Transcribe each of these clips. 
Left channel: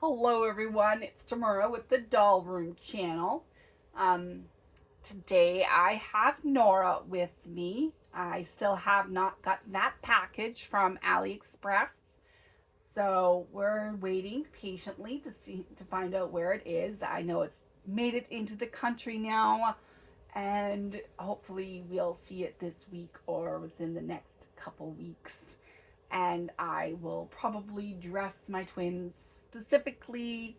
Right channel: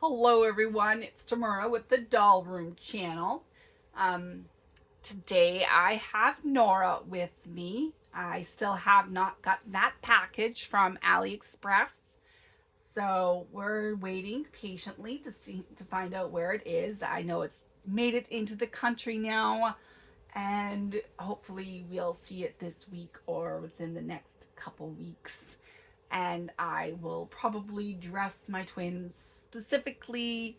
Hello everyone, it's Tamara with the Doll Room channel. Um, Today I have Nora with me. I still have not gotten that package from AliExpress, so we're waiting patiently to find out where it is. I know it's made it into the country now, and hopefully we'll see it this week or within the next couple weeks. And I will probably dress my twins specifically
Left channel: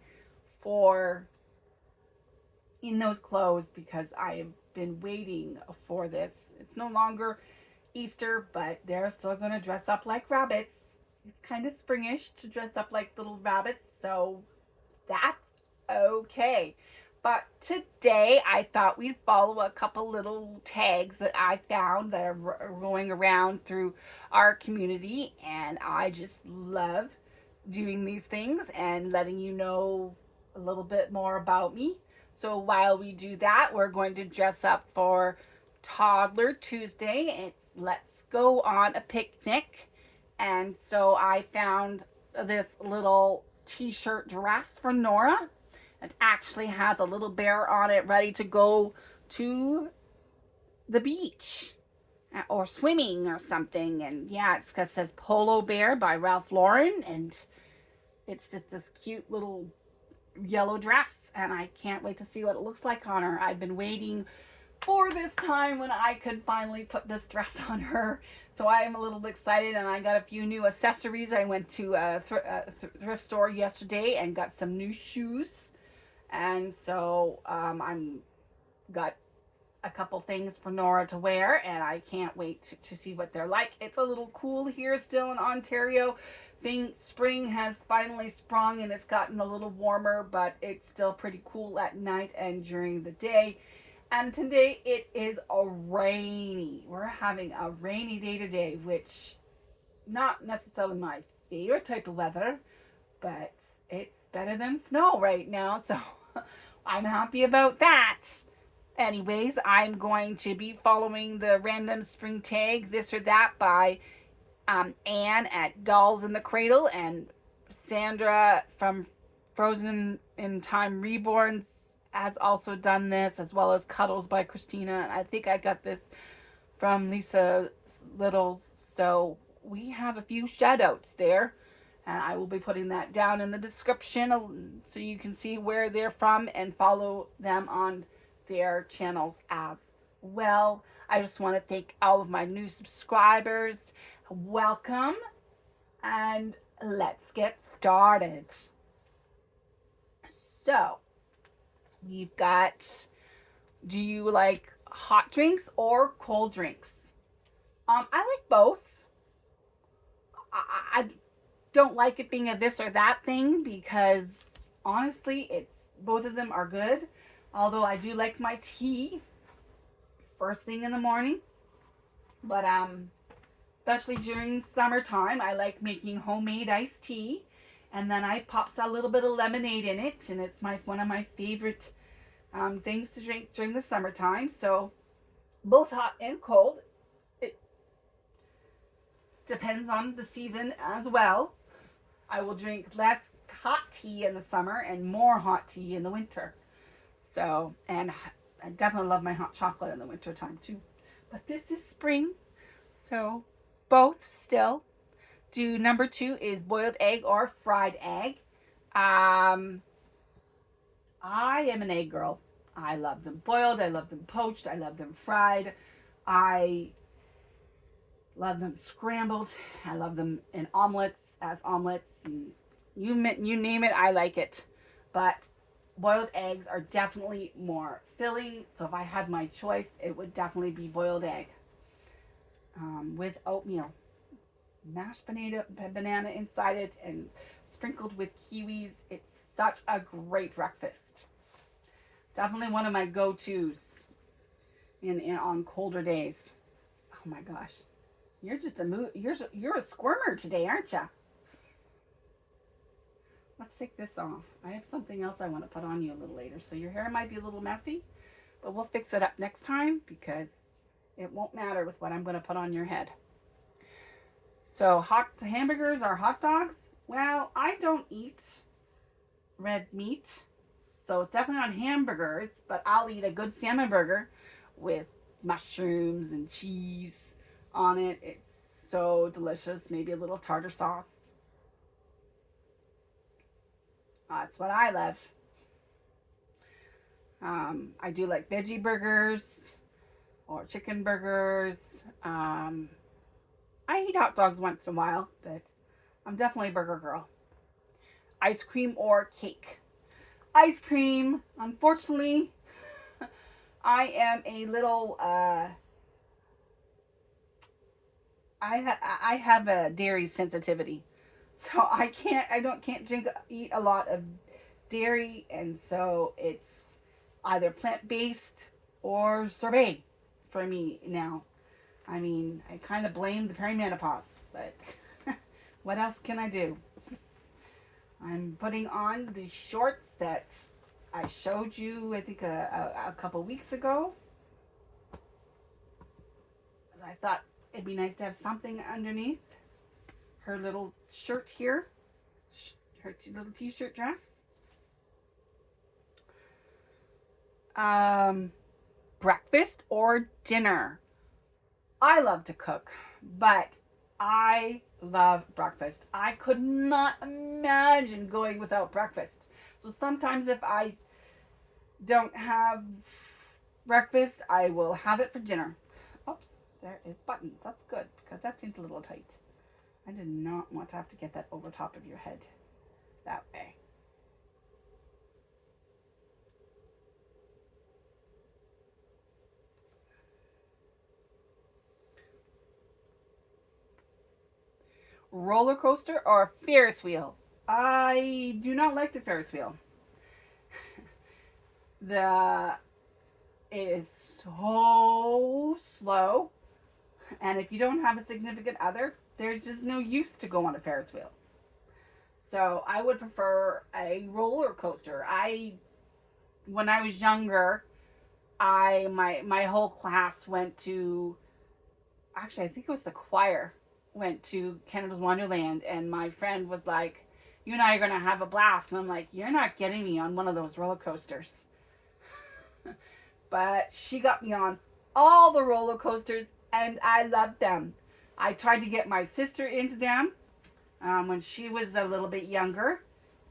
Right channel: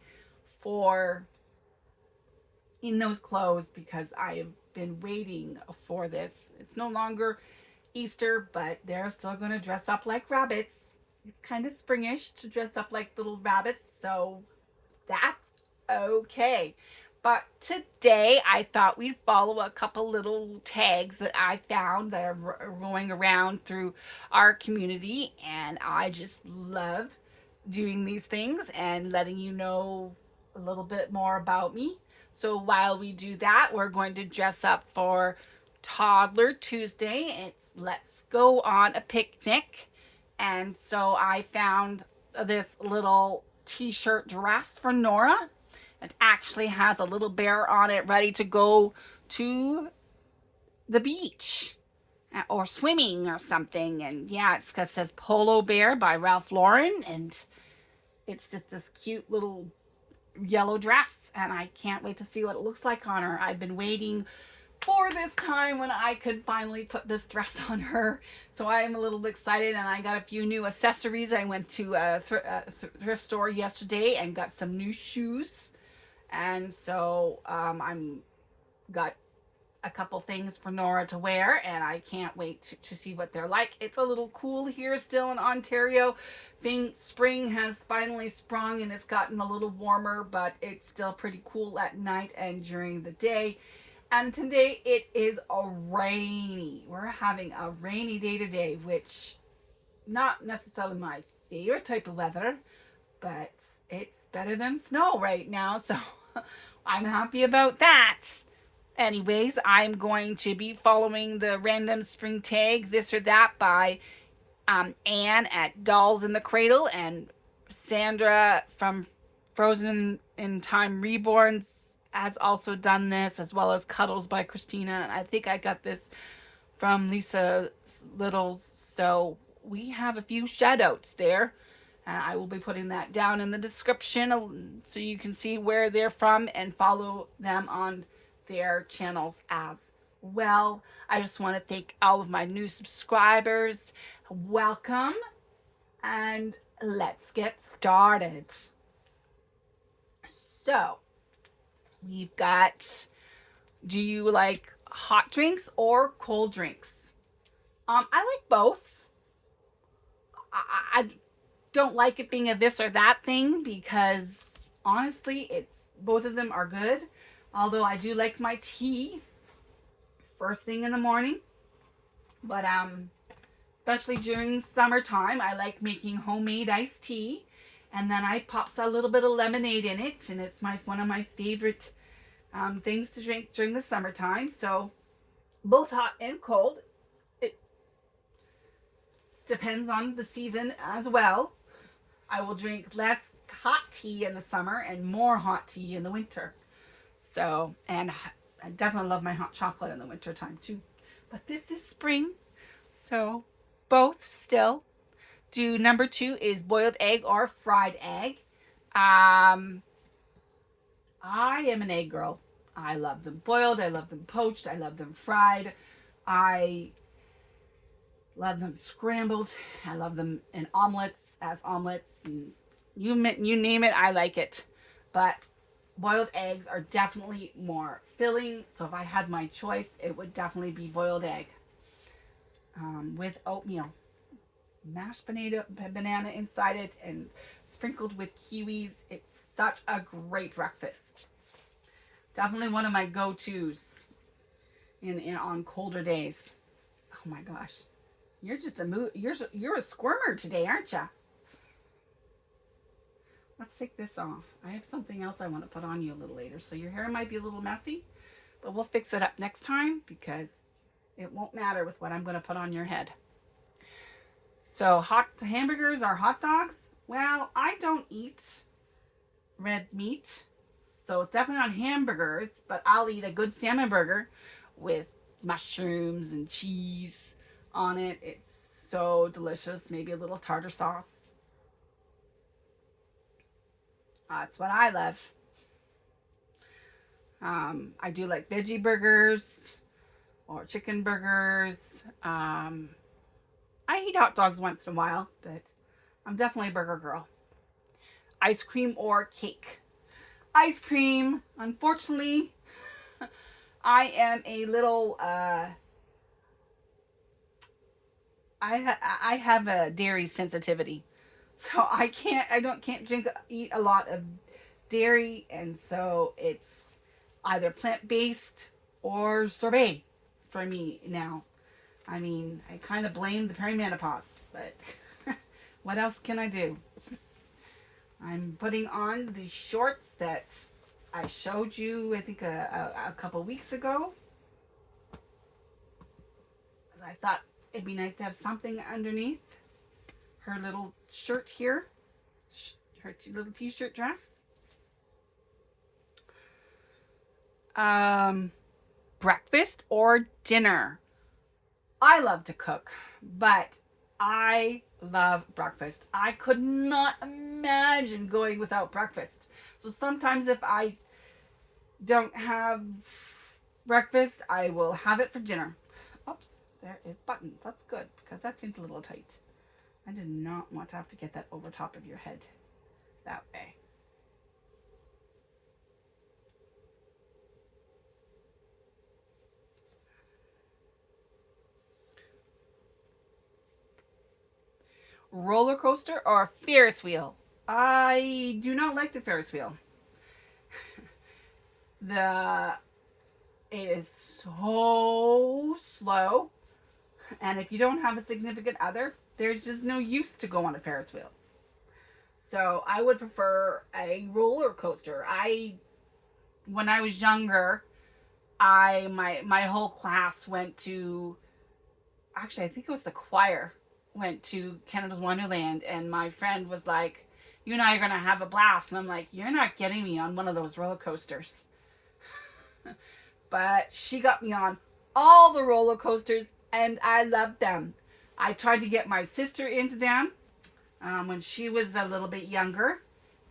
for in those clothes because I have been waiting for this. It's no longer Easter, but they're still going to dress up like rabbits. It's kind of springish to dress up like little rabbits, so that's okay. But today I thought we'd follow a couple little tags that I found that are going around through our community, and I just love doing these things and letting you know a little bit more about me. So while we do that, we're going to dress up for Toddler Tuesday. It's let's go on a picnic. And so I found this little t-shirt dress for Nora. It actually has a little bear on it ready to go to the beach or swimming or something. And yeah, it says Polo Bear by Ralph Lauren. And it's just this cute little yellow dress. And I can't wait to see what it looks like on her. I've been waiting for this time when I could finally put this dress on her. So I am a little excited, and I got a few new accessories. I went to a thrift store yesterday and got some new shoes, and so I'm got a couple things for Nora to wear, and I can't wait to see what they're like. It's a little cool here still in Ontario. Being spring has finally sprung and it's gotten a little warmer, but it's still pretty cool at night and during the day. And today it is a rainy. We're having a rainy day today, which not necessarily my favorite type of weather, but it's better than snow right now, so I'm happy about that. Anyways, I'm going to be following the random spring tag, this or that, by Anne at Dolls in the Cradle and Sandra from Frozen in Time Reborns has also done this, as well as Cuddles by Christina. And I think I got this from Lisa Lilttles. So we have a few shout outs there. And I will be putting that down in the description so you can see where they're from and follow them on their channels as well. I just want to thank all of my new subscribers. Welcome, and let's get started. So, we've got, do you like hot drinks or cold drinks? I like both. I don't like it being a this or that thing because honestly, it's both of them are good. Although I do like my tea first thing in the morning, but especially during summertime, I like making homemade iced tea, and then I pops a little bit of lemonade in it, and it's my one of my favorite things to drink during the summertime. So both hot and cold. It depends on the season as well. I will drink less hot tea in the summer and more hot tea in the winter. So, and I definitely love my hot chocolate in the winter time too. But this is spring, so both still. Do number two is boiled egg or fried egg. Um, I am an egg girl. I love them boiled. I love them poached. I love them fried. I love them scrambled. I love them in omelets as omelets. And you name it, I like it. But boiled eggs are definitely more filling. So if I had my choice, it would definitely be boiled egg with oatmeal, mashed banana inside it, and sprinkled with kiwis. It's such a great breakfast. Definitely one of my go-tos in on colder days. Oh my gosh, you're just you're a squirmer today, aren't you? Let's take this off. I have something else I want to put on you a little later, so your hair might be a little messy, but we'll fix it up next time because it won't matter with what I'm going to put on your head. So hot hamburgers or hot dogs? Well, I don't eat red meat. So it's definitely not hamburgers, but I'll eat a good salmon burger with mushrooms and cheese on it. It's so delicious. Maybe a little tartar sauce. That's what I love. I do like veggie burgers or chicken burgers. I eat hot dogs once in a while, but I'm definitely a burger girl. Ice cream or cake? Ice cream. Unfortunately, I am a little. I have a dairy sensitivity, so I can't eat a lot of dairy, and so it's either plant based or sorbet for me now. I mean, I kind of blame the perimenopause, but what else can I do? I'm putting on the shorts that I showed you, I think, a couple weeks ago. I thought it'd be nice to have something underneath her little shirt here, her little t-shirt dress. Breakfast or dinner? I love to cook, but I love breakfast. I could not imagine going without breakfast. So sometimes if I don't have breakfast, I will have it for dinner. Oops, there is buttons. That's good because that seems a little tight. I did not want to have to get that over top of your head that way. Roller coaster or Ferris wheel? I do not like the Ferris wheel. The It is so slow, and if you don't have a significant other, there's just no use to go on a Ferris wheel. So I would prefer a roller coaster. When I was younger, my whole class went to, actually I think it was the choir, went to Canada's Wonderland, and my friend was like, "You and I are gonna have a blast," and I'm like, "You're not getting me on one of those roller coasters." But she got me on all the roller coasters, and I loved them. I tried to get my sister into them when she was a little bit younger,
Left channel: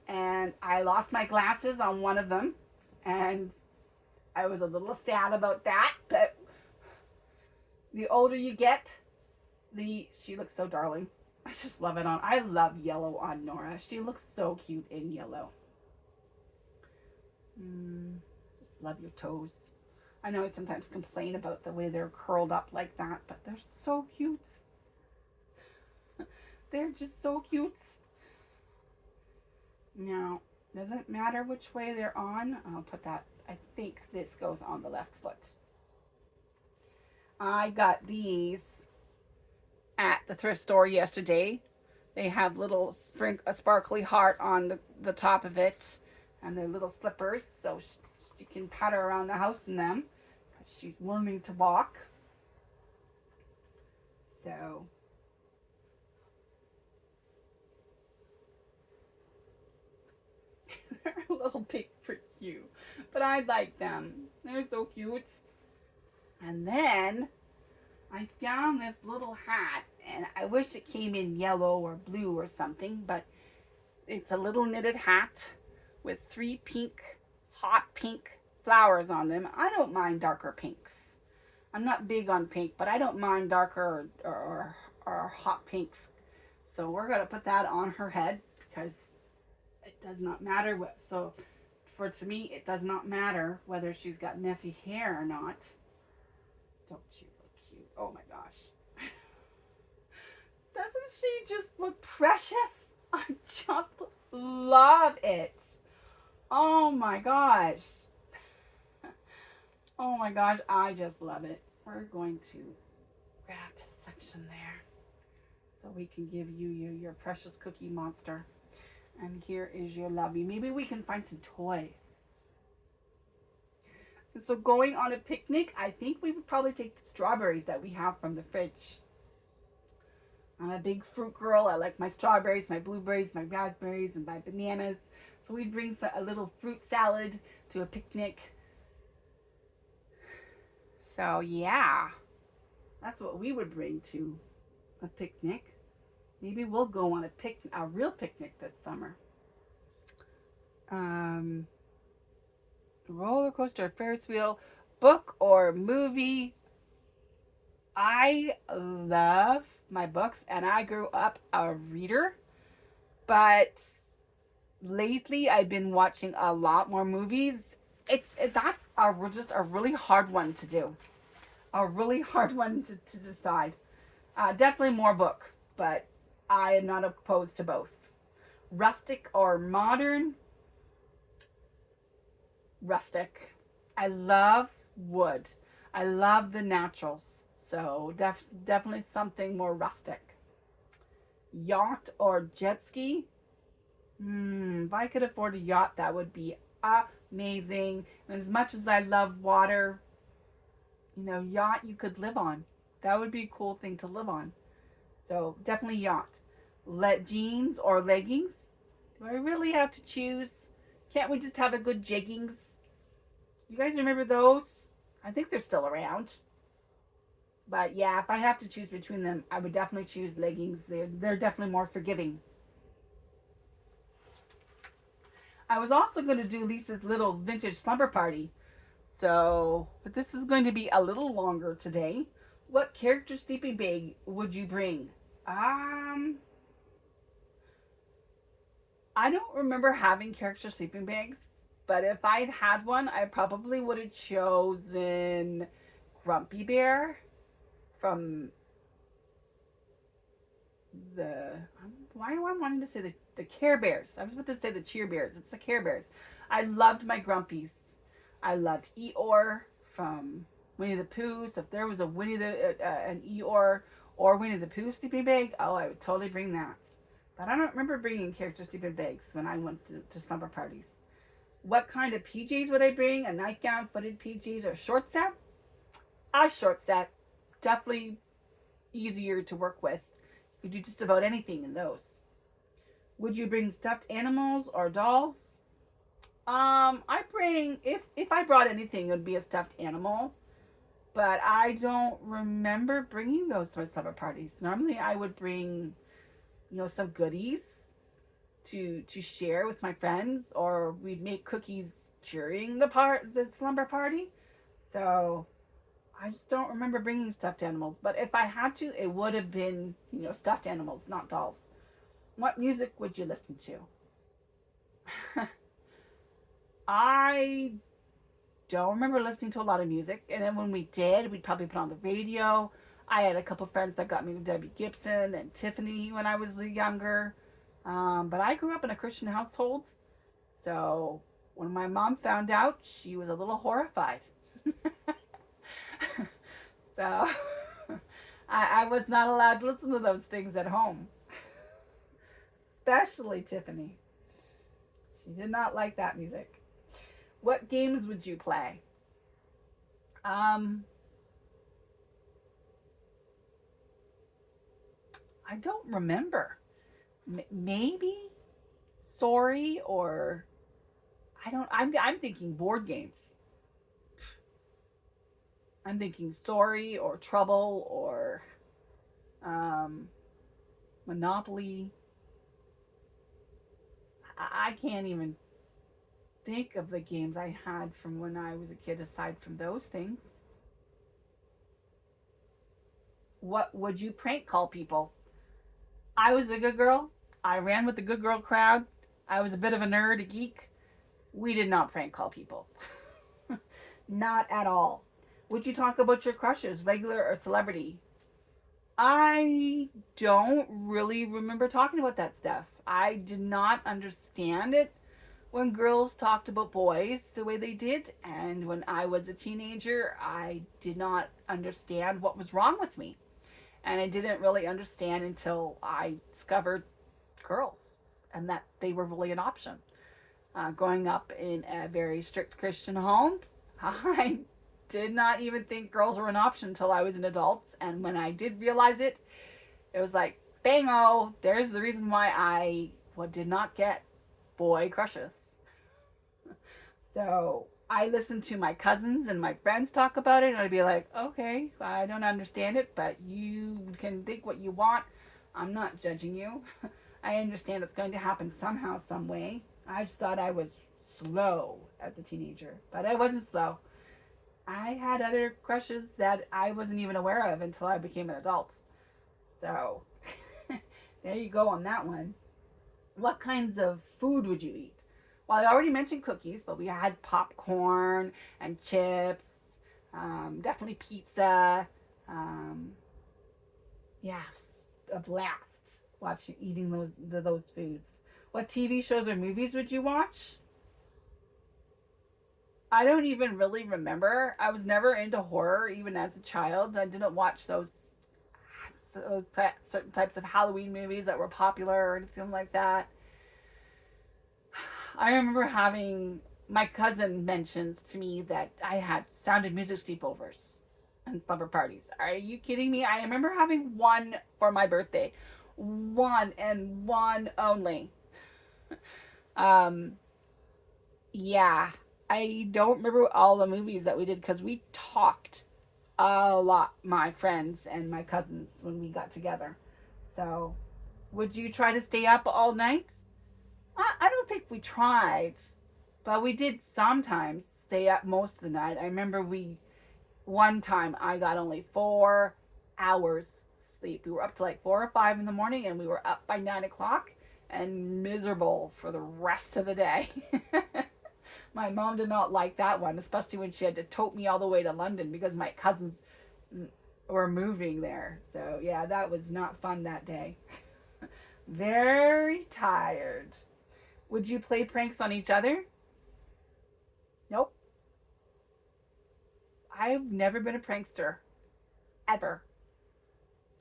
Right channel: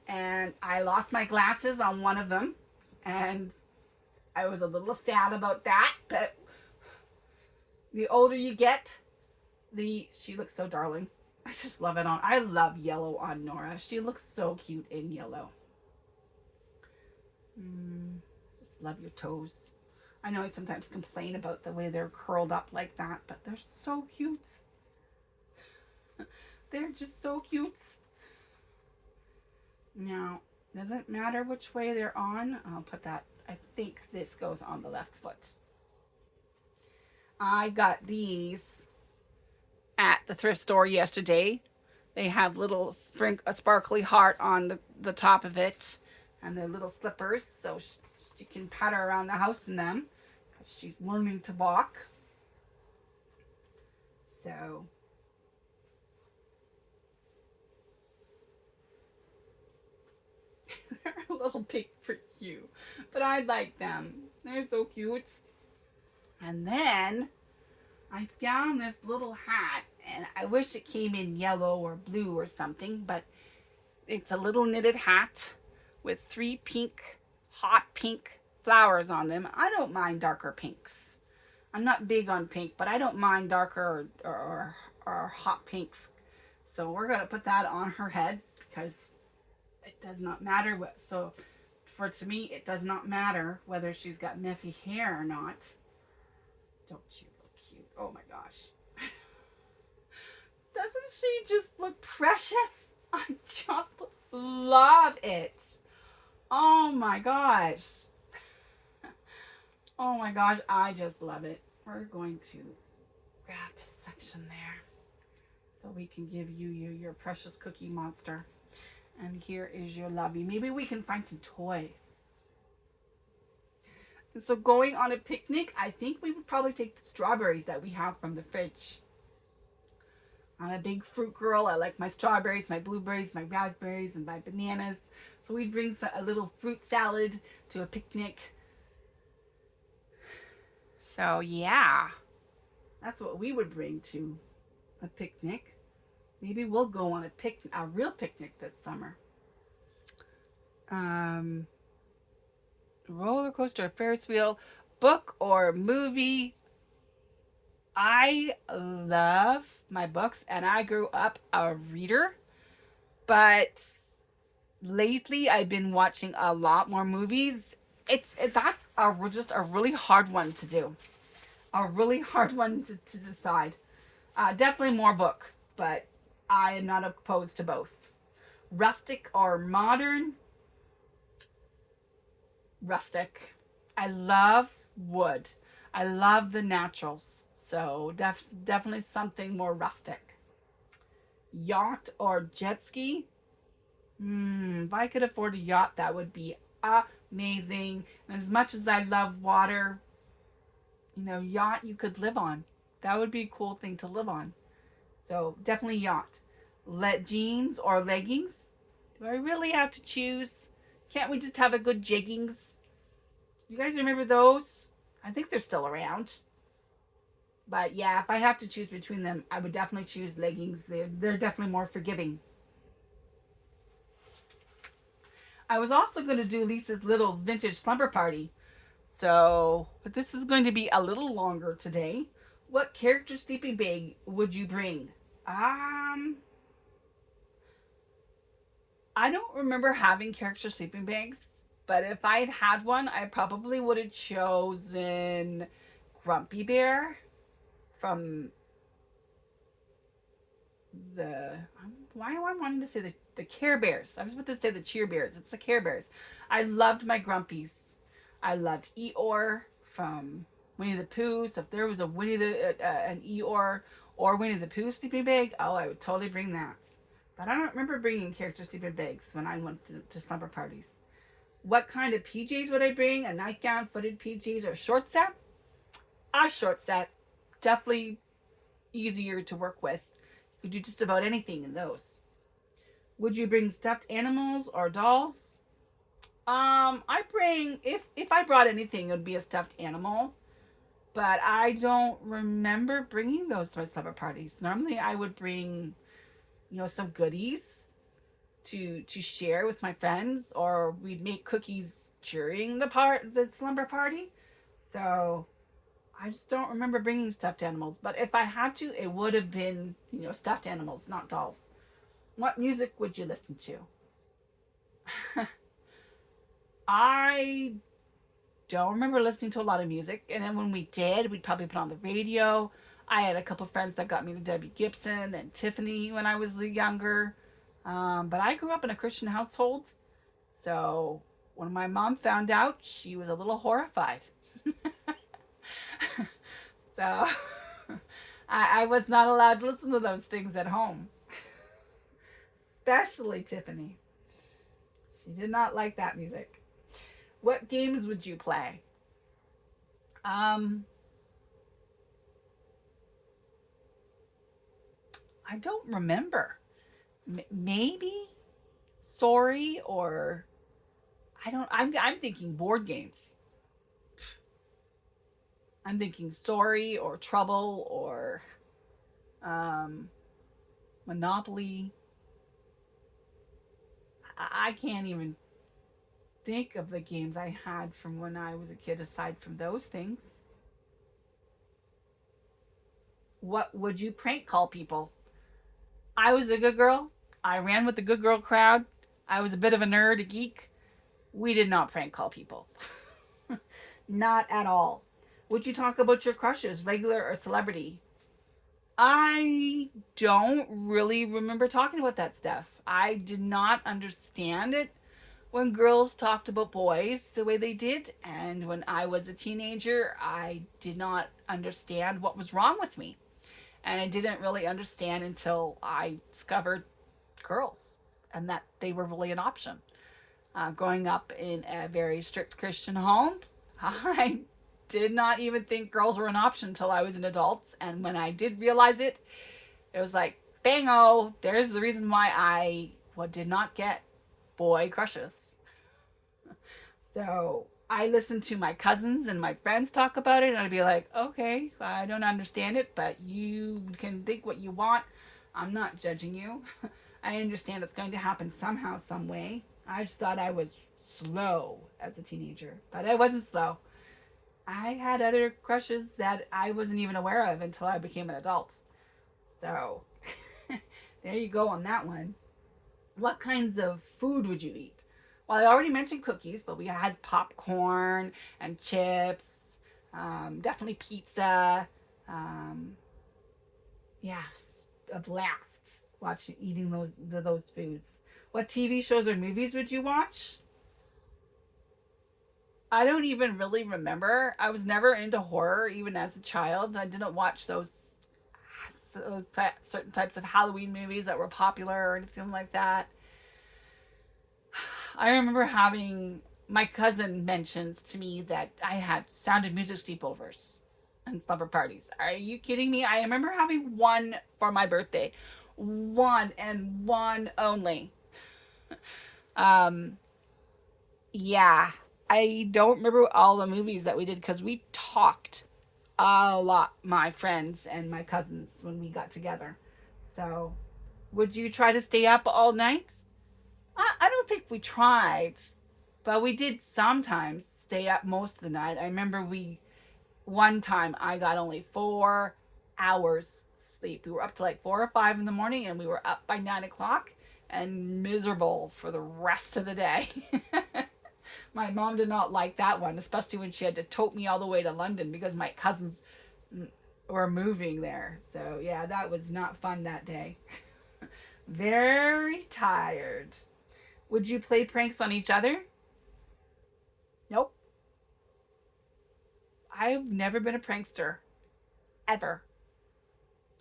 and I lost my glasses on one of them, and I was a little sad about that. But the older you get, she looks so darling. I just love it on. I love yellow on Nora. She looks so cute in yellow. Just love your toes. I know I sometimes complain about the way they're curled up like that, but they're so cute. They're just so cute. Now, doesn't matter which way they're on. I'll put that. I think this goes on the left foot. I got these at the thrift store yesterday. They have little a sparkly heart on the top of it, and they're little slippers, so she can patter around the house in them. She's learning to walk. So they're a little big for you, but I like them. They're so cute. And then I found this little hat, and I wish it came in yellow or blue or something, but it's a little knitted hat with 3 hot pink flowers on them. I don't mind darker pinks. I'm not big on pink, but I don't mind darker or hot pinks. So we're going to put that on her head because it does not matter what. So to me, it does not matter whether she's got messy hair or not. Don't you look cute? Oh my gosh. Doesn't she just look precious? I just love it. Oh my gosh. Oh my gosh, I just love it. We're going to grab this section there so we can give you your precious cookie monster. And here is your lovey. Maybe we can find some toys. And so going on a picnic, I think we would probably take the strawberries that we have from the fridge. I'm a big fruit girl. I like my strawberries, my blueberries, my raspberries, and my bananas. So we'd bring a little fruit salad to a picnic. So yeah, that's what we would bring to a picnic. Maybe we'll go on a real picnic this summer. Um, roller coaster, Ferris wheel, book or movie. I love my books, and I grew up a reader, but lately I've been watching a lot more movies. Just a really hard one to do, a really hard one to decide. Definitely more book, but I am not opposed to both. Rustic or modern? Rustic. I love wood. I love the naturals. So definitely something more rustic. Yacht or jet ski? If I could afford a yacht, that would be amazing. And as much as I love water, yacht you could live on. That would be a cool thing to live on. So definitely yacht. Let jeans or leggings? Do I really have to choose? Can't we just have a good jeggings? You guys remember those? I think they're still around. But yeah, if I have to choose between them, I would definitely choose leggings. They're definitely more forgiving. I was also going to do Lisa's Littles vintage slumber party. But this is going to be a little longer today. What character sleeping bag would you bring? I don't remember having character sleeping bags, but if I had had one, I probably would have chosen Grumpy Bear from the. Why do I want to say the Care Bears? I was about to say the Cheer Bears. It's the Care Bears. I loved my Grumpies. I loved Eeyore from Winnie the Pooh. So if there was a an Eeyore or Winnie the Pooh sleeping bag, oh, I would totally bring that. But I don't remember bringing character sleeping bags when I went to slumber parties. What kind of PJs would I bring? A nightgown, footed PJs, or short set? A short set. Definitely easier to work with. You could do just about anything in those. Would you bring stuffed animals or dolls? I bring if I brought anything, it would be a stuffed animal. But I don't remember bringing those to my slumber parties. Normally, I would bring, some goodies to share with my friends, or we'd make cookies during the slumber party. So I just don't remember bringing stuffed animals. But if I had to, it would have been stuffed animals, not dolls. What music would you listen to? I don't remember listening to a lot of music, and then when we did, we'd probably put on the radio. I had a couple friends that got me to Debbie Gibson and Tiffany when I was younger. But I grew up in a Christian household, so when my mom found out, she was a little horrified. So I was not allowed to listen to those things at home, especially Tiffany. She did not like that music. What games would you play? I don't remember. Maybe Sorry, or I don't. I'm thinking board games. I'm thinking Sorry or Trouble or um, Monopoly. I can't even think of the games I had from when I was a kid aside from those things. What would you prank call people? I was a good girl. I ran with the good girl crowd. I was a bit of a nerd, a geek. We did not prank call people. Not at all. Would you talk about your crushes, regular or celebrity? I don't really remember talking about that stuff. I did not understand it when girls talked about boys the way they did. And when I was a teenager, I did not understand what was wrong with me. And I didn't really understand until I discovered girls and that they were really an option. Growing up in a very strict Christian home, I did not even think girls were an option until I was an adult. And when I did realize it, it was like, bango, there's the reason why I did not get boy crushes. So I listen to my cousins and my friends talk about it, and I'd be like, okay, I don't understand it, but you can think what you want. I'm not judging you. I understand it's going to happen somehow, some way. I just thought I was slow as a teenager, but I wasn't slow. I had other crushes that I wasn't even aware of until I became an adult. So there you go on that one. What kinds of food would you eat? Well, I already mentioned cookies, but we had popcorn and chips, definitely pizza. Um, yeah, a blast watching eating those foods. What TV shows or movies would you watch? I don't even really remember. I was never into horror, even as a child. I didn't watch certain types of Halloween movies that were popular or anything like that. I remember having my cousin mentions to me that I had Sound of Music sleepovers and slumber parties. Are you kidding me? I remember having one for my birthday, one and one only. Um, yeah, I don't remember all the movies that we did because we talked a lot, my friends and my cousins, when we got together. So, would you try to stay up all night? I don't think we tried, but we did sometimes stay up most of the night. I remember one time I got only 4 hours sleep. We were up to like 4 or 5 in the morning and we were up by 9 o'clock and miserable for the rest of the day. My mom did not like that one, especially when she had to tote me all the way to London because my cousins were moving there. So, yeah, that was not fun that day. Very tired. Would you play pranks on each other? Nope. I've never been a prankster. Ever.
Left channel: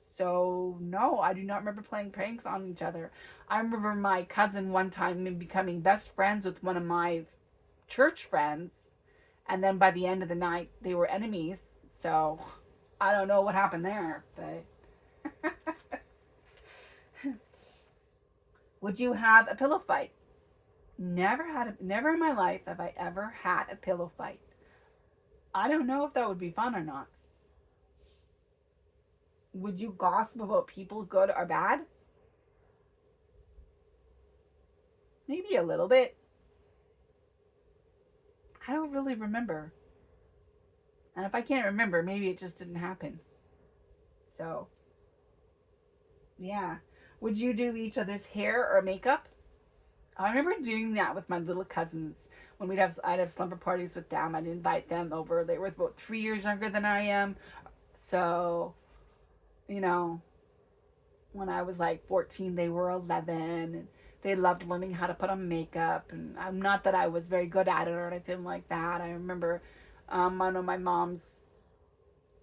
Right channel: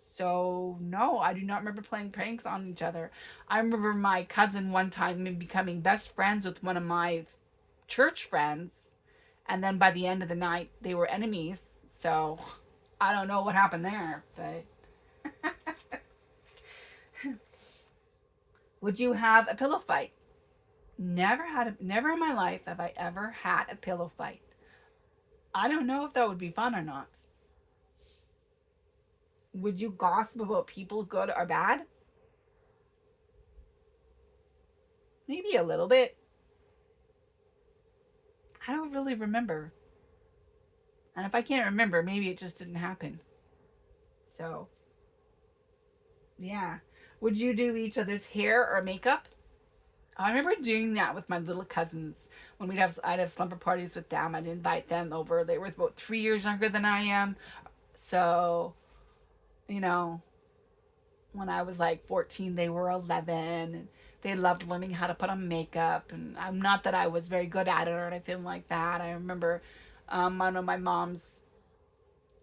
So, no, I do not remember playing pranks on each other. I remember my cousin one time becoming best friends with one of my church friends. And then by the end of the night, they were enemies. So, I don't know what happened there. But would you have a pillow fight? Never in my life have I ever had a pillow fight. I don't know if that would be fun or not. Would you gossip about people, good or bad? Maybe a little bit. I don't really remember. And if I can't remember, maybe it just didn't happen. So, yeah. Would you do each other's hair or makeup? I remember doing that with my little cousins when I'd have slumber parties with them. I'd invite them over. They were about 3 years younger than I am. So, you know, when I was like 14, they were 11, and they loved learning how to put on makeup. And I'm not that I was very good at it or anything like that. I remember one of my mom's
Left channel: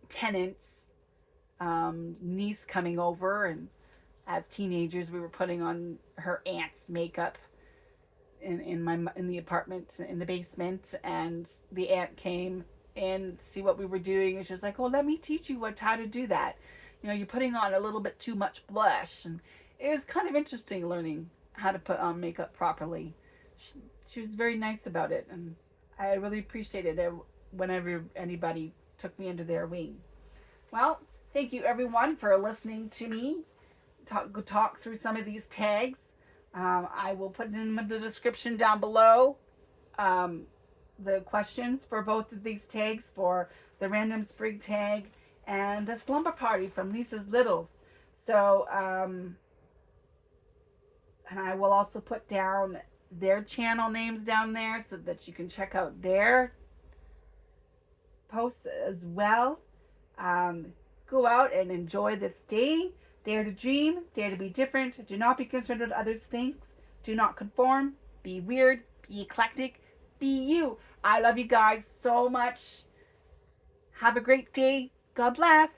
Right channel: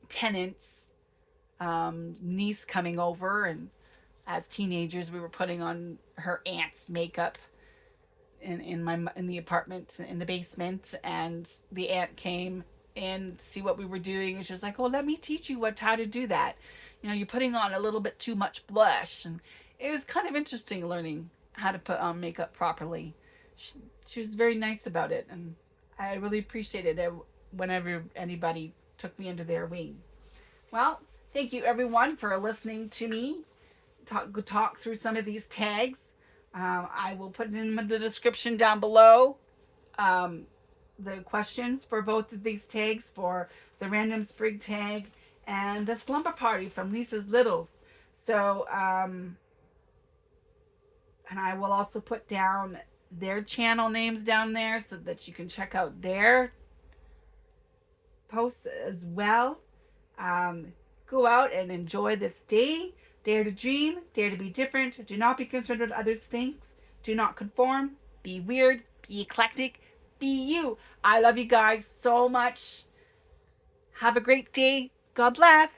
tenants' niece coming over, and as teenagers, we were putting on her aunt's makeup in the apartment in the basement, and the aunt came in to see what we were doing, and she was like, "Oh, let me teach you how to do that. You know, you're putting on a little bit too much blush." And it was kind of interesting learning how to put on makeup properly. She was very nice about it, and I really appreciated it whenever anybody took me under their wing. Well, thank you everyone for listening to me talk through some of these tags. I will put in the description down below um, the questions for both of these tags, for the random sprig tag and the slumber party from Lisa's Littles. So, and I will also put down their channel names down there so that you can check out their posts as well. Go out and enjoy this day. Dare to dream, dare to be different, do not be concerned with others' things, do not conform, be weird, be eclectic, be you. I love you guys so much. Have a great day. God bless.